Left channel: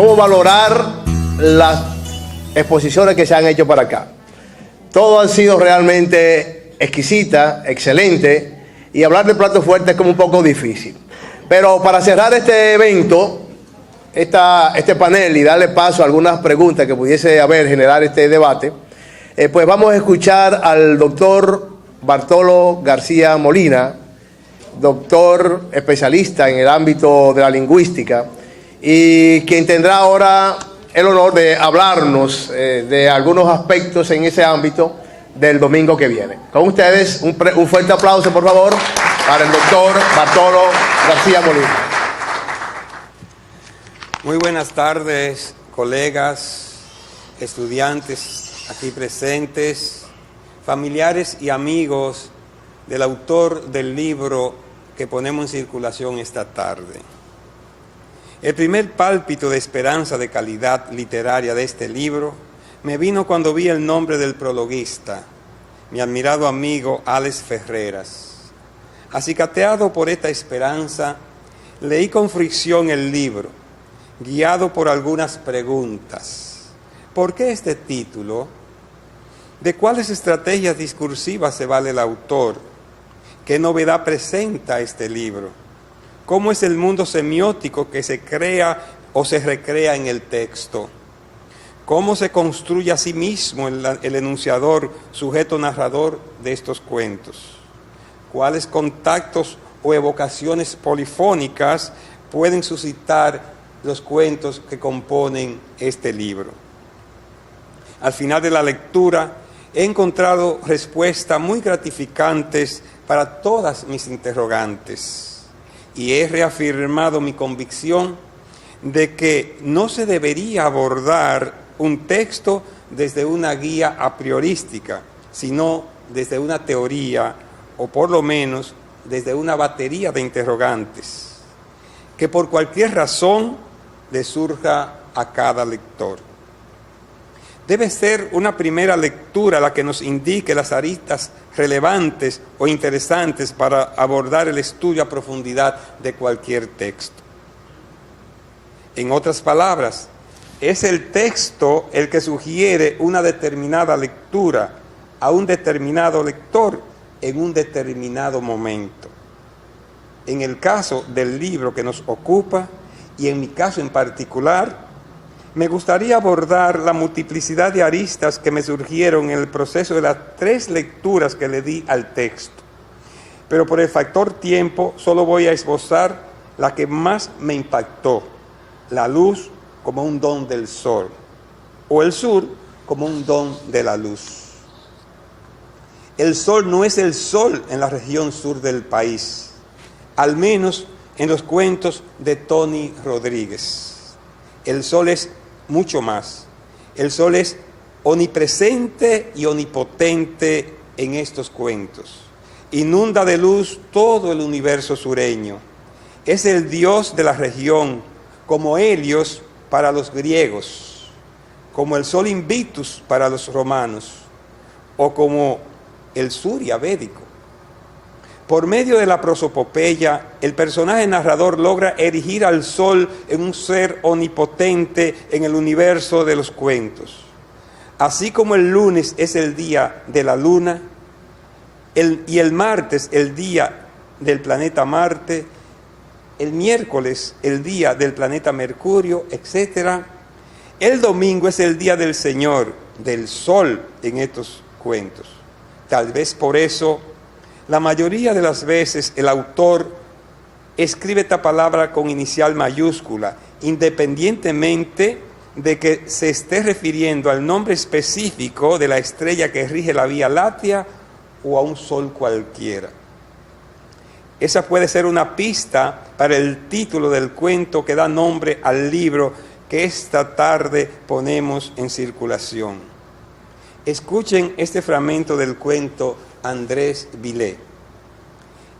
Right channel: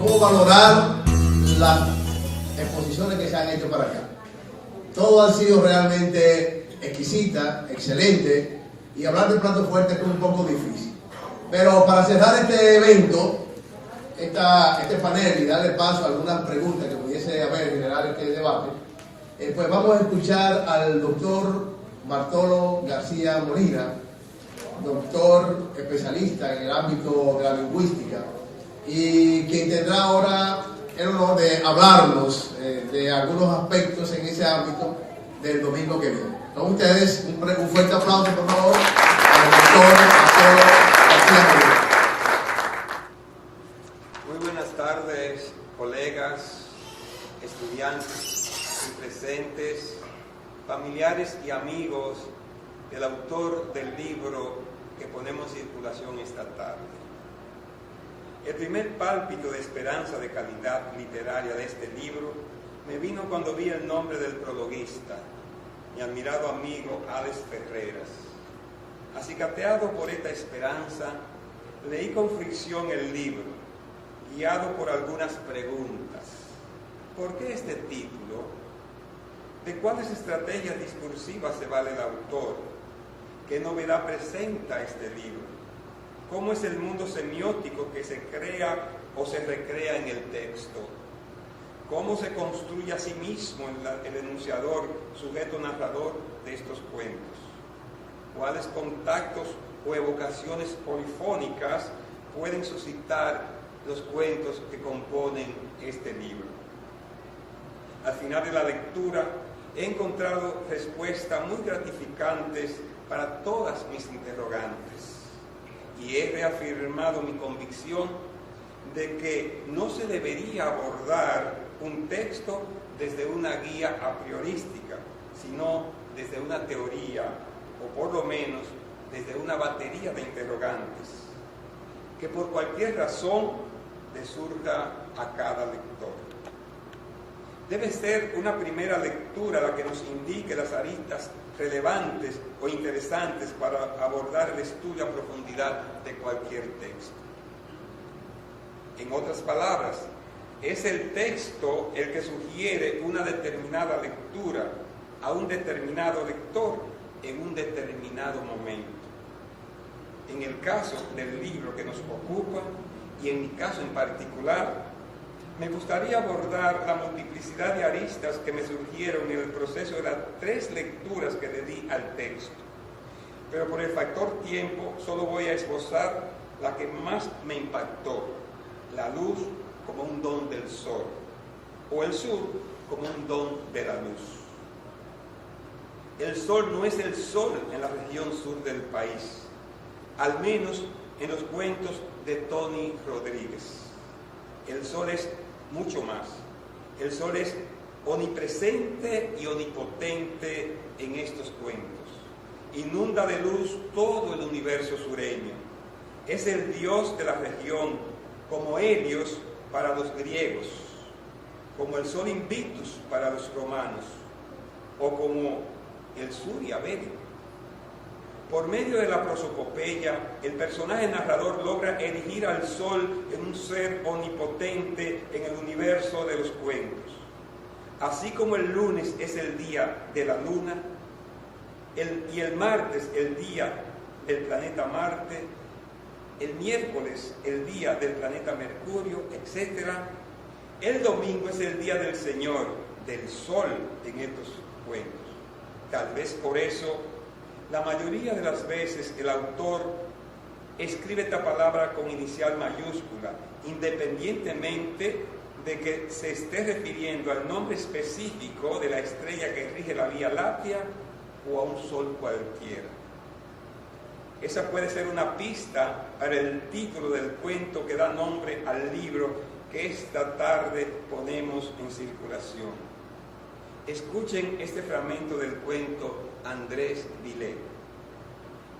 cómo valorar las exposiciones que se han hecho para acá. Todo ha sido realmente exquisita, excelente, y hablar de plato fuerte es como un poco difícil. Pero para cerrar este evento, este panel, y darle paso a algunas preguntas que pudiese haber, generar este debate, pues vamos a escuchar al doctor Bartolo García Molina, doctor especialista en el ámbito de la lingüística, y quien tendrá ahora el honor de hablarnos de algunos aspectos en ese ámbito del domingo que viene. Con ustedes, un fuerte aplauso, por favor, para el doctor Bartolo García Molina. Muy buenas tardes, colegas, estudiantes aquí presentes, familiares y amigos del autor del libro que ponemos en circulación esta tarde. El primer pálpito de esperanza de calidad literaria de este libro me vino cuando vi el nombre del prologuista, mi admirado amigo Alex Ferreras. Acicateado por esta esperanza, leí con fricción el libro, guiado por algunas preguntas. ¿Por qué este título? ¿De cuáles estrategias discursivas se vale el autor? ¿Qué novedad presenta este libro? ¿Cómo es el mundo semiótico que se crea o se recrea en el texto? ¿Cómo se construye a sí mismo el enunciador, sujeto narrador de estos cuentos? ¿Cuáles contactos o evocaciones polifónicas pueden suscitar los cuentos que componen este libro? Al final de la lectura he encontrado respuestas muy gratificantes para todas mis interrogantes y he reafirmado mi convicción de que no se debería abordar un texto desde una guía a priorística, sino desde una teoría o por lo menos desde una batería de interrogantes que por cualquier razón le surja a cada lector. Debe ser una primera lectura la que nos indique las aristas relevantes o interesantes para abordar el estudio a profundidad de cualquier texto. En otras palabras, es el texto el que sugiere una determinada lectura a un determinado lector en un determinado momento. En el caso del libro que nos ocupa, y en mi caso en particular, me gustaría abordar la multiplicidad de aristas que me surgieron en el proceso de las 3 lecturas que le di al texto. Pero por el factor tiempo solo voy a esbozar la que más me impactó: la luz como un don del sol, o el sur como un don de la luz. El sol no es el sol en la región sur del país, al menos en los cuentos de Tony Rodríguez. El sol es mucho más. El sol es omnipresente y omnipotente en estos cuentos. Inunda de luz todo el universo sureño. Es el dios de la región, como Helios para los griegos, como el sol Invictus para los romanos, o como el Surya védico. Por medio de la prosopopeya, el personaje narrador logra erigir al sol en un ser omnipotente en el universo de los cuentos. Así como el lunes es el día de la luna, y el martes el día del planeta Marte, el miércoles el día del planeta Mercurio, etc., el domingo es el día del Señor, del sol en estos cuentos. Tal vez por eso, la mayoría de las veces el autor escribe esta palabra con inicial mayúscula, independientemente de que se esté refiriendo al nombre específico de la estrella que rige la Vía Láctea o a un sol cualquiera. Esa puede ser una pista para el título del cuento que da nombre al libro que esta tarde ponemos en circulación. Escuchen este fragmento del cuento Andrés Vilé.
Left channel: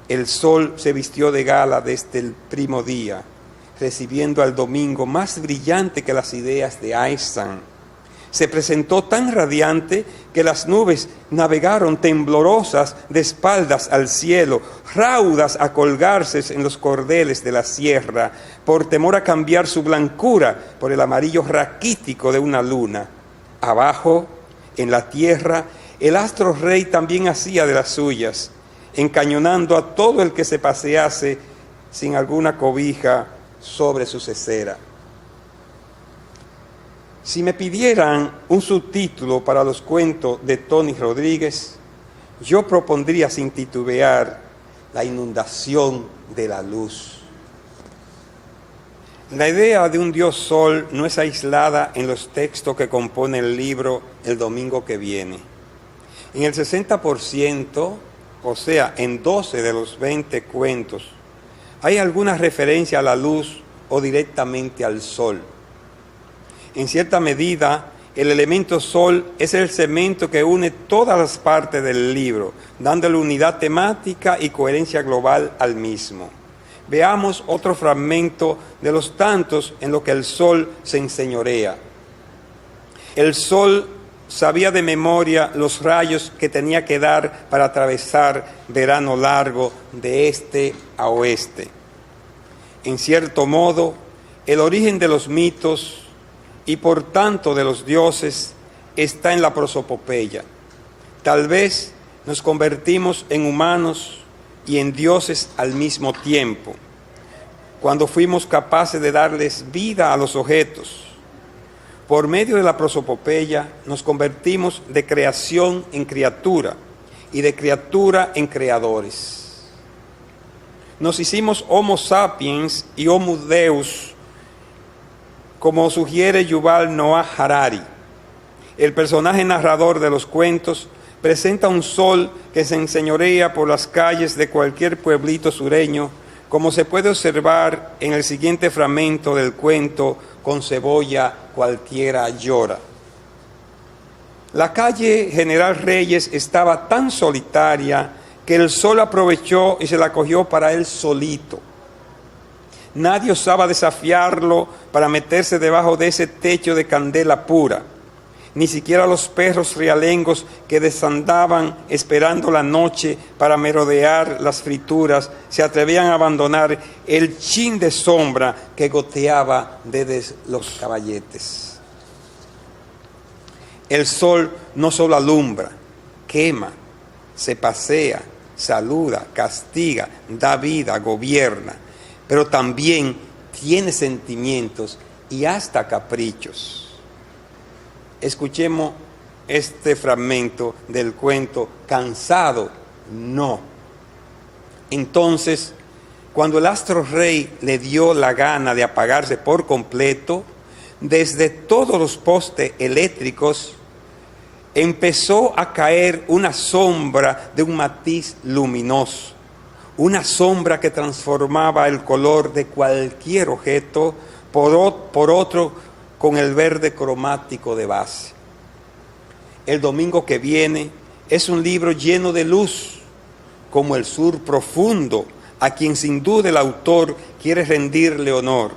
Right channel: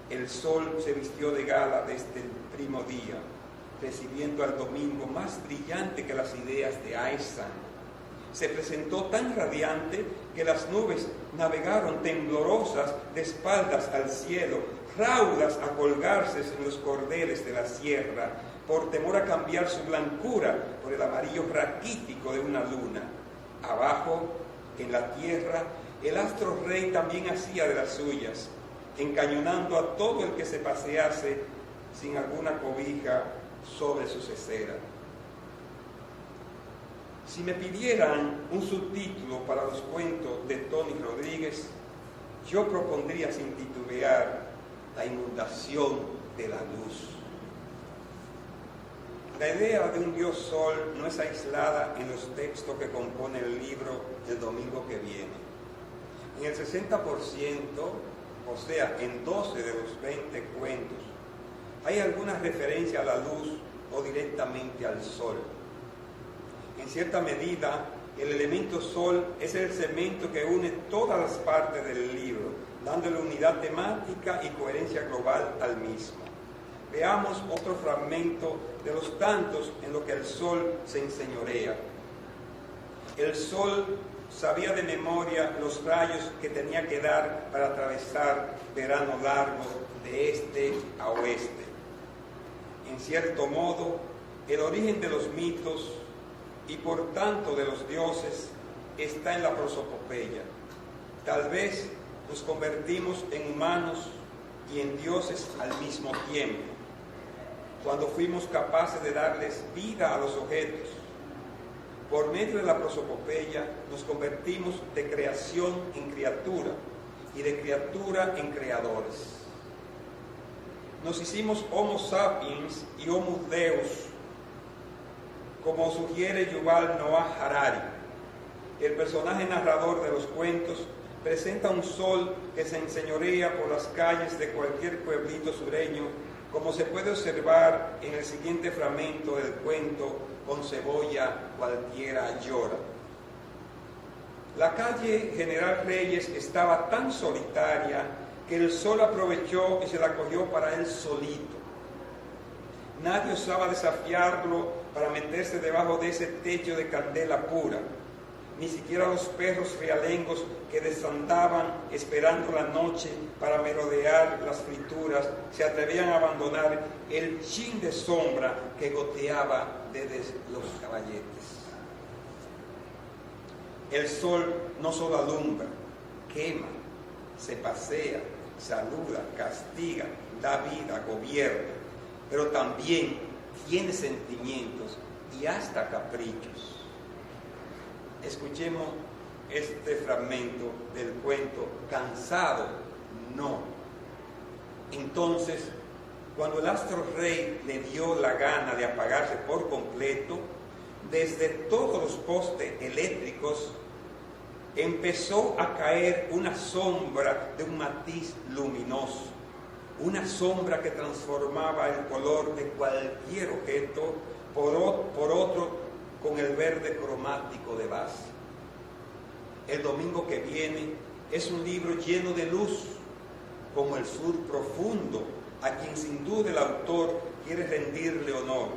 El sol se vistió de gala desde el primo día, recibiendo al domingo más brillante que las ideas de Einstein. se presentó tan radiante que las nubes navegaron temblorosas de espaldas al cielo, raudas a colgarse en los cordeles de la sierra, por temor a cambiar su blancura por el amarillo raquítico de una luna. Abajo, en la tierra, el astro rey también hacía de las suyas, encañonando a todo el que se pasease sin alguna cobija sobre su cesera. Si me pidieran un subtítulo para los cuentos de Tony Rodríguez, yo propondría sin titubear La inundación de la luz. La idea de un Dios Sol no es aislada en los textos que componen el libro El Domingo que Viene. En el 60%, o sea, en 12 de los 20 cuentos, hay alguna referencia a la luz o directamente al sol. En cierta medida, el elemento sol es el cemento que une todas las partes del libro, dándole unidad temática y coherencia global al mismo. Veamos otro fragmento de los tantos en los que el sol se enseñorea. El sol sabía de memoria los rayos que tenía que dar para atravesar verano largo de este a oeste. En cierto modo, el origen de los mitos y por tanto de los dioses está en la prosopopeya. Tal vez nos convertimos en humanos y en dioses al mismo tiempo, cuando fuimos capaces de darles vida a los objetos. Por medio de la prosopopeya nos convertimos de creación en criatura y de criatura en creadores. Nos hicimos Homo sapiens y Homo Deus, como sugiere Yuval Noah Harari. El personaje narrador de los cuentos presenta un sol que se enseñorea por las calles de cualquier pueblito sureño, como se puede observar en el siguiente fragmento del cuento Con cebolla cualquiera llora. La calle General Reyes estaba tan solitaria que el sol aprovechó y se la cogió para él solito. Nadie osaba desafiarlo para meterse debajo de ese techo de candela pura. Ni siquiera los perros realengos que desandaban esperando la noche para merodear las frituras se atrevían a abandonar el chin de sombra que goteaba desde los caballetes. El sol no solo alumbra, quema, se pasea, saluda, castiga, da vida, gobierna, pero también tiene sentimientos y hasta caprichos. Escuchemos este fragmento del cuento Cansado, no. Entonces, cuando el astro rey le dio la gana de apagarse por completo, desde todos los postes eléctricos empezó a caer una sombra de un matiz luminoso. Una sombra que transformaba el color de cualquier objeto por otro con el verde cromático de base. El Domingo que Viene es un libro lleno de luz, como el sur profundo, a quien sin duda el autor quiere rendirle honor.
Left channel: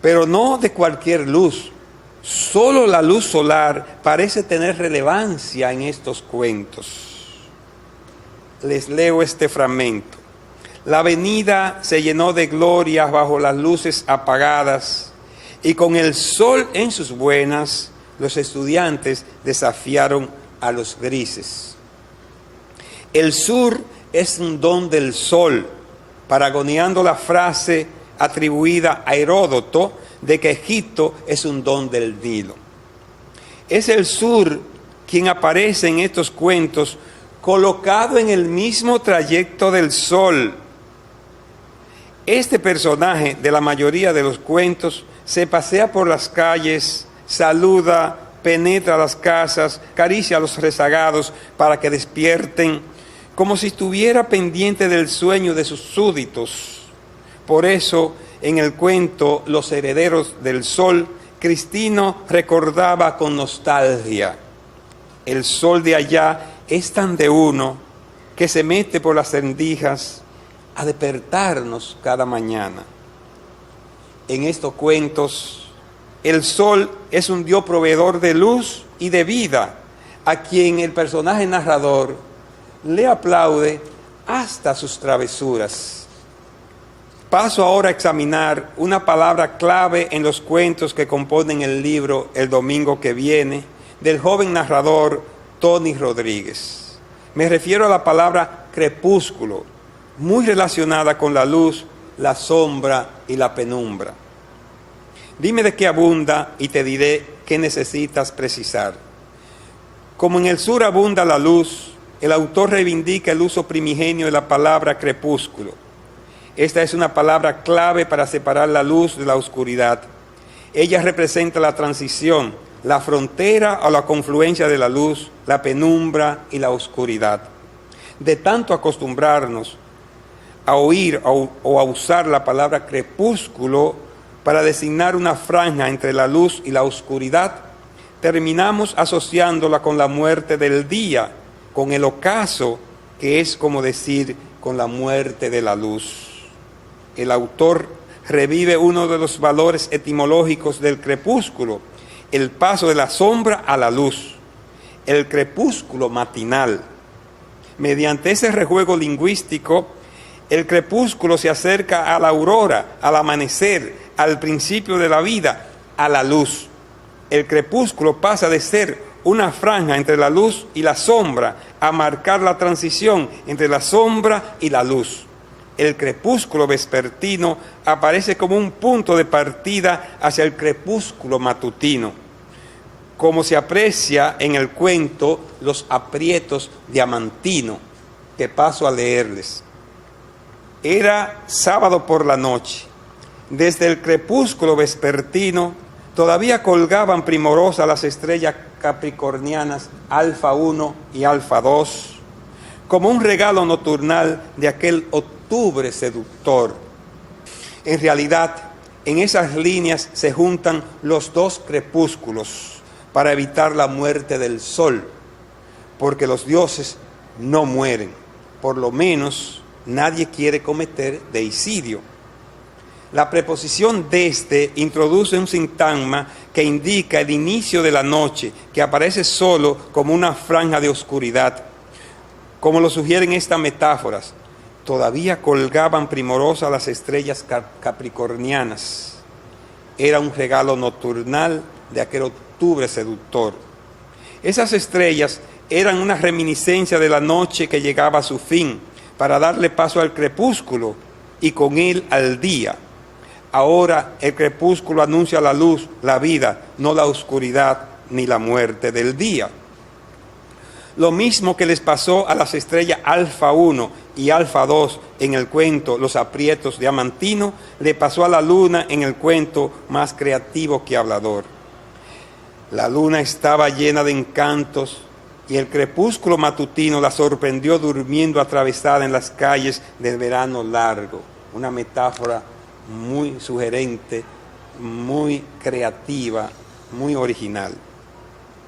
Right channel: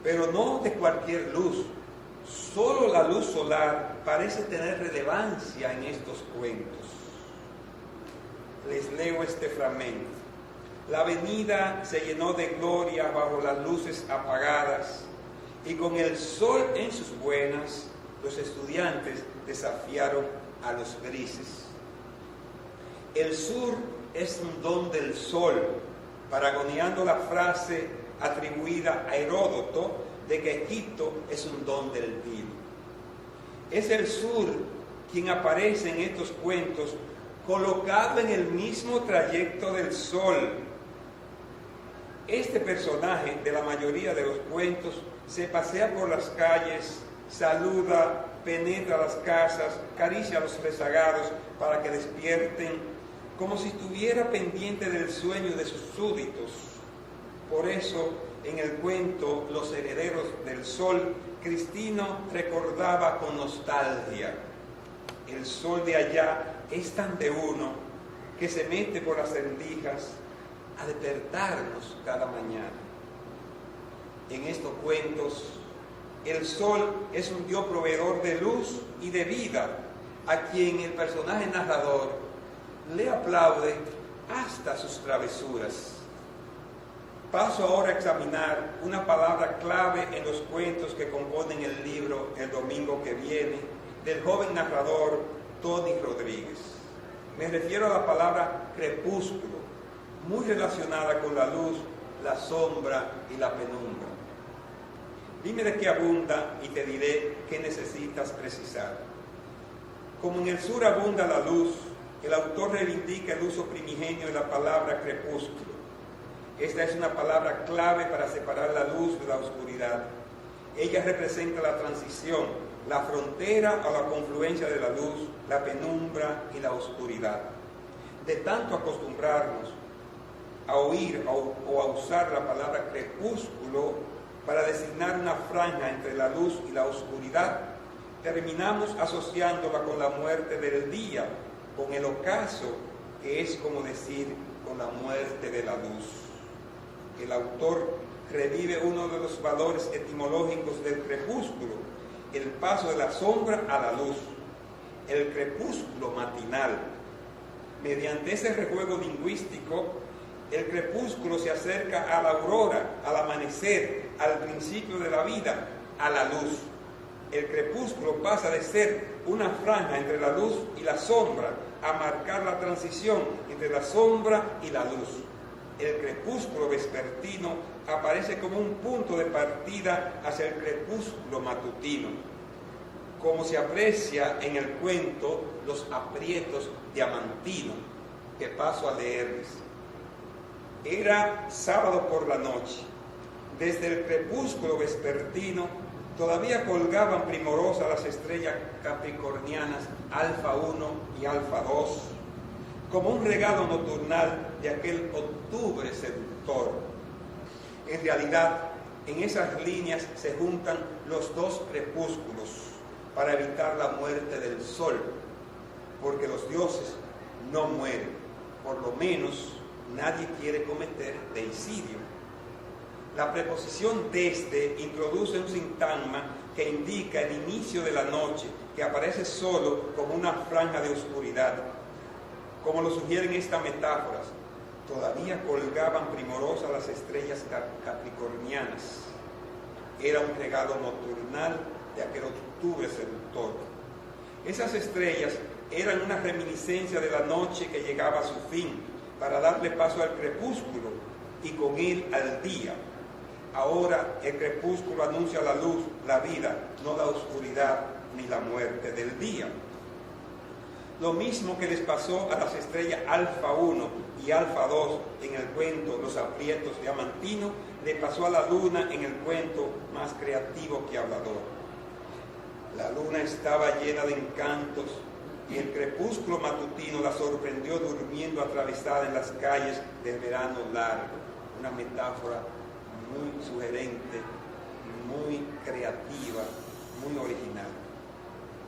Pero no de cualquier luz. Solo la luz solar parece tener relevancia en estos cuentos. Les leo este fragmento. La avenida se llenó de glorias bajo las luces apagadas y con el sol en sus buenas, los estudiantes desafiaron a los grises. El sur es un don del sol, paragoneando la frase atribuida a Heródoto de que Egipto es un don del Nilo. Es el sur quien aparece en estos cuentos colocado en el mismo trayecto del sol. Este personaje de la mayoría de los cuentos se pasea por las calles, saluda, penetra las casas, acaricia a los rezagados para que despierten, como si estuviera pendiente del sueño de sus súbditos. Por eso, en el cuento Los herederos del sol, Cristino recordaba con nostalgia: el sol de allá es tan de uno que se mete por las rendijas a despertarnos cada mañana. En estos cuentos, El sol es un Dios proveedor de luz y de vida, a quien el personaje narrador le aplaude hasta sus travesuras. Paso ahora a examinar una palabra clave en los cuentos que componen el libro El domingo que viene, del joven narrador Tony Rodríguez. Me refiero a la palabra crepúsculo, muy relacionada con la luz, la sombra y la penumbra. Dime de qué abunda y te diré qué necesitas precisar. Como en el sur abunda la luz, el autor reivindica el uso primigenio de la palabra crepúsculo. Esta es una palabra clave para separar la luz de la oscuridad. Ella representa la transición, la frontera o la confluencia de la luz, la penumbra y la oscuridad. De tanto acostumbrarnos a oír o a usar la palabra crepúsculo para designar una franja entre la luz y la oscuridad, terminamos asociándola con la muerte del día, con el ocaso, que es como decir, con la muerte de la luz. El autor revive uno de los valores etimológicos del crepúsculo, el paso de la sombra a la luz, el crepúsculo matinal. Mediante ese rejuego lingüístico, el crepúsculo se acerca a la aurora, al amanecer, al principio de la vida, a la luz. El crepúsculo pasa de ser una franja entre la luz y la sombra a marcar la transición entre la sombra y la luz. El crepúsculo vespertino aparece como un punto de partida hacia el crepúsculo matutino, como se aprecia en el cuento Los aprietos de Amantino, que paso a leerles. Era sábado por la noche. Desde el crepúsculo vespertino todavía colgaban primorosas las estrellas capricornianas Alfa 1 y Alfa 2, como un regalo nocturnal de aquel octubre seductor. En realidad, en esas líneas se juntan los dos crepúsculos para evitar la muerte del sol, porque los dioses no mueren, por lo menos nadie quiere cometer deicidio. La preposición desde introduce un sintagma que indica el inicio de la noche, que aparece solo como una franja de oscuridad. Como lo sugieren estas metáforas, todavía colgaban primorosas las estrellas capricornianas. Era un regalo nocturnal de aquel octubre seductor. Esas estrellas eran una reminiscencia de la noche que llegaba a su fin, para darle paso al crepúsculo y con él al día. Ahora el crepúsculo anuncia la luz, la vida, no la oscuridad ni la muerte del día. Lo mismo que les pasó a las estrellas Alfa 1 y Alfa 2 en el cuento Los aprietos de Amantino, le pasó a la luna en el cuento Más creativo que hablador. La luna estaba llena de encantos y el crepúsculo matutino la sorprendió durmiendo atravesada en las calles del verano largo. Una metáfora muy sugerente, muy creativa, muy original.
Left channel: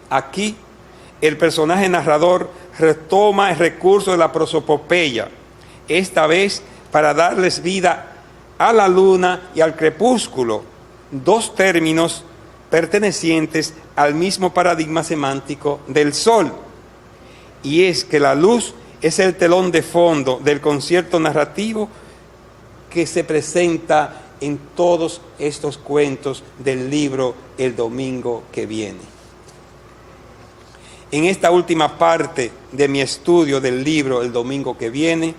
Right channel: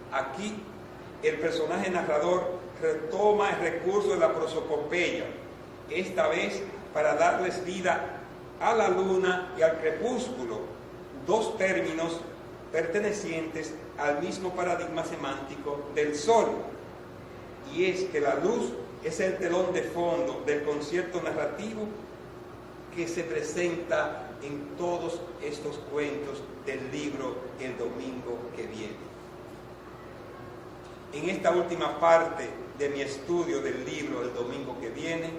Aquí el personaje narrador retoma el recurso de la prosopopeya, esta vez para darles vida a la luna y al crepúsculo, dos términos pertenecientes al mismo paradigma semántico del sol. Y es que la luz es el telón de fondo del concierto narrativo que se presenta en todos estos cuentos del libro El domingo que viene. En esta última parte de mi estudio del libro El domingo que viene,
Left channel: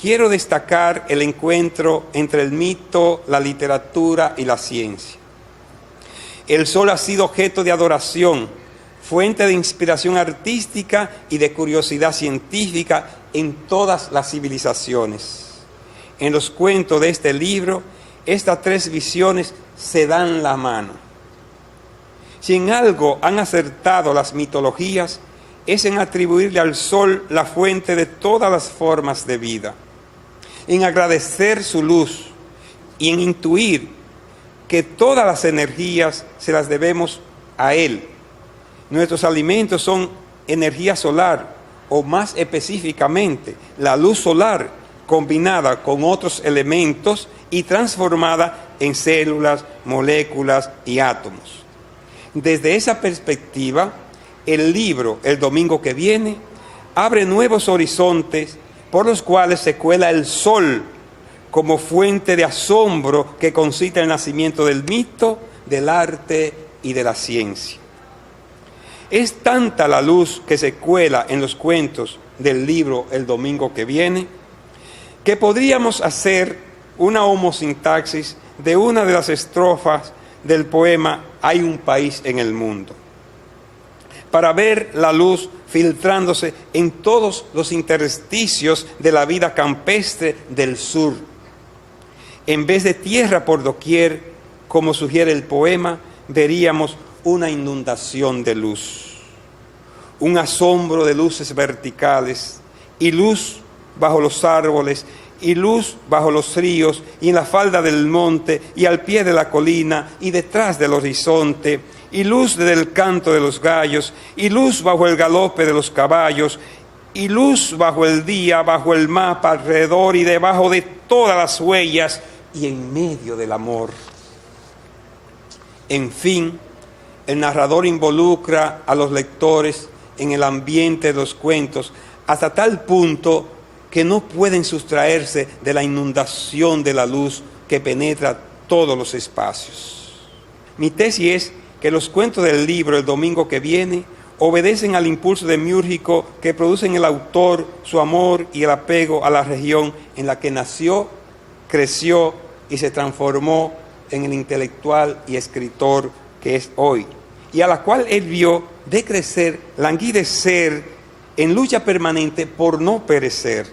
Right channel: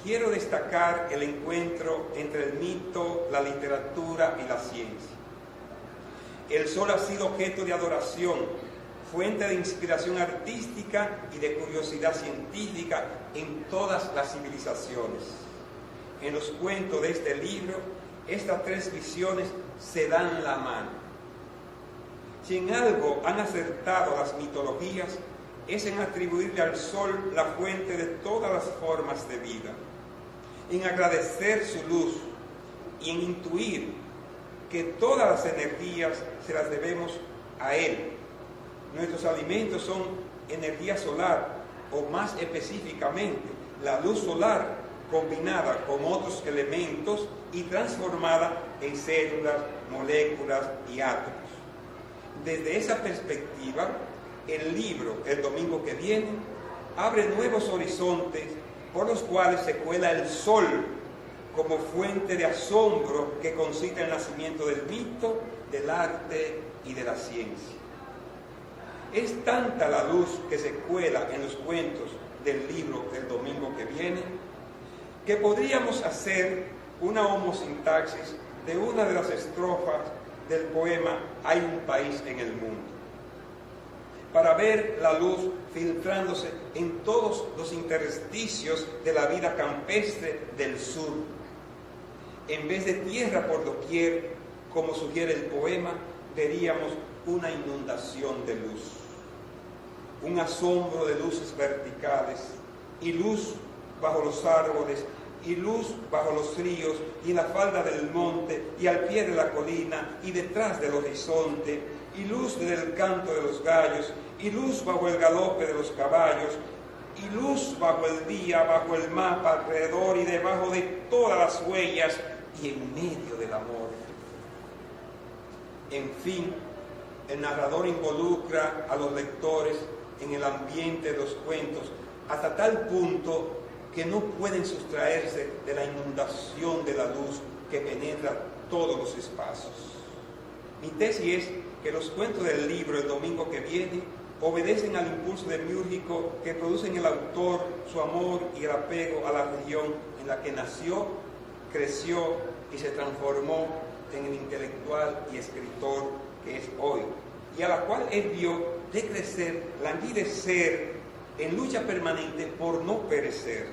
quiero destacar el encuentro entre el mito, la literatura y la ciencia. El sol ha sido objeto de adoración, fuente de inspiración artística y de curiosidad científica en todas las civilizaciones. En los cuentos de este libro, estas tres visiones se dan la mano. Si en algo han acertado las mitologías, es en atribuirle al sol la fuente de todas las formas de vida, en agradecer su luz y en intuir que todas las energías se las debemos a él. Nuestros alimentos son energía solar, o más específicamente, la luz solar combinada con otros elementos y transformada en células, moléculas y átomos. Desde esa perspectiva, el libro El domingo que viene abre nuevos horizontes por los cuales se cuela el sol como fuente de asombro que concita el nacimiento del mito, del arte y de la ciencia. Es tanta la luz que se cuela en los cuentos del libro El domingo que viene, que podríamos hacer una homosintaxis de una de las estrofas del poema Hay un país en el mundo, para ver la luz filtrándose en todos los intersticios de la vida campestre del sur. En vez de tierra por doquier, como sugiere el poema, veríamos una inundación de luz, un asombro de luces verticales, y luz bajo los árboles, y luz bajo los ríos, y en la falda del monte, y al pie de la colina, y detrás del horizonte, y luz desde el canto de los gallos, y luz bajo el galope de los caballos, y luz bajo el día, bajo el mapa, alrededor y debajo de todas las huellas, y en medio del amor. En fin, el narrador involucra a los lectores en el ambiente de los cuentos hasta tal punto que no pueden sustraerse de la inundación de la luz que penetra todos los espacios. Mi tesis es que los cuentos del libro El domingo que viene obedecen al impulso demiúrgico que produce en el autor su amor y el apego a la región en la que nació, creció y se transformó en el intelectual y escritor que es hoy, y a la cual él vio decrecer, languidecer, en lucha permanente por no perecer.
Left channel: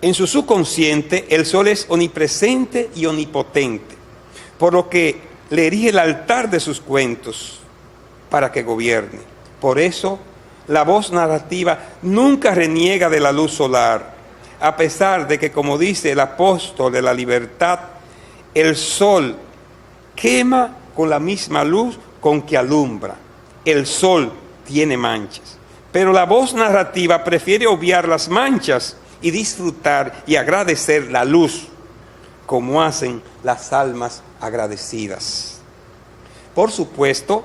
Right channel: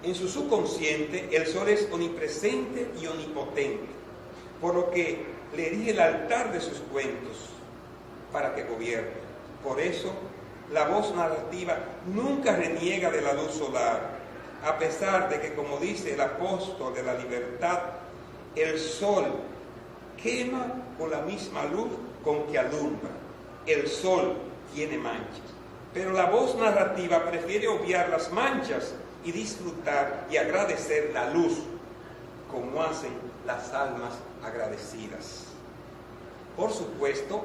En su subconsciente, el sol es omnipresente y omnipotente, por lo que le erige el altar de sus cuentos para que gobierne. Por eso, la voz narrativa nunca reniega de la luz solar, a pesar de que, como dice el apóstol de la libertad, el sol quema con la misma luz con que alumbra. El sol tiene manchas, pero la voz narrativa prefiere obviar las manchas y disfrutar y agradecer la luz, como hacen las almas agradecidas. Por supuesto,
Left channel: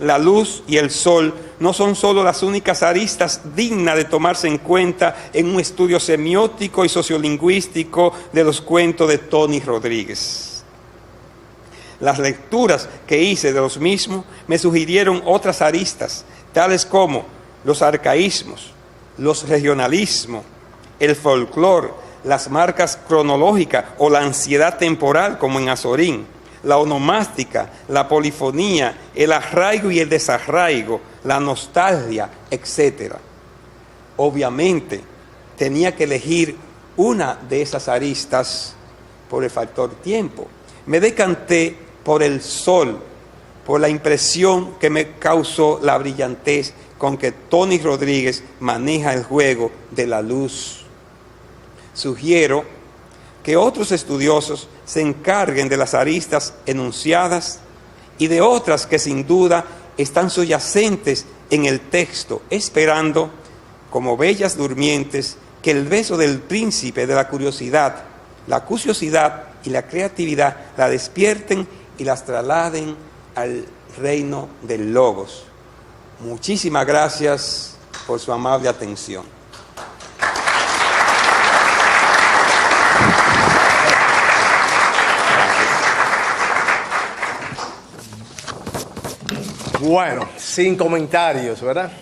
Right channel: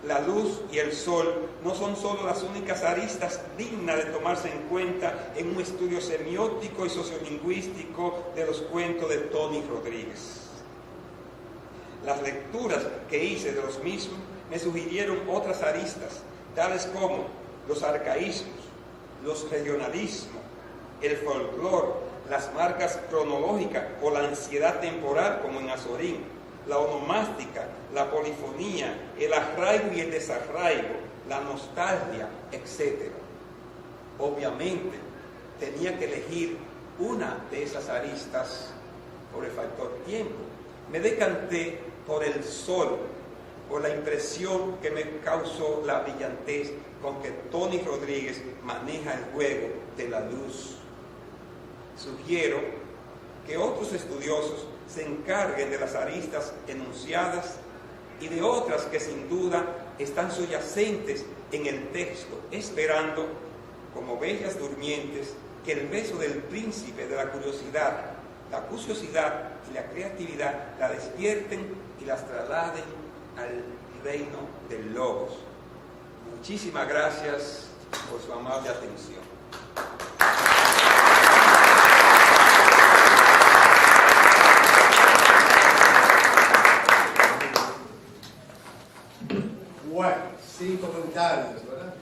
la luz y el sol no son solo las únicas aristas dignas de tomarse en cuenta en un estudio semiótico y sociolingüístico de los cuentos de Tony Rodríguez. Las lecturas que hice de los mismos me sugirieron otras aristas, tales como los arcaísmos, los regionalismos, el folclore, las marcas cronológicas o la ansiedad temporal, como en Azorín, la onomástica, la polifonía, el arraigo y el desarraigo, la nostalgia, etc. Obviamente, tenía que elegir una de esas aristas por el factor tiempo. Me decanté por el sol, por la impresión que me causó la brillantez con que Tony Rodríguez maneja el juego de la luz. Sugiero que otros estudiosos se encarguen de las aristas enunciadas y de otras que sin duda están subyacentes en el texto, esperando, como bellas durmientes, que el beso del príncipe de la curiosidad y la creatividad la despierten y las trasladen al reino del Logos. Muchísimas gracias por su amable atención. Bueno, sin comentarios, ¿verdad?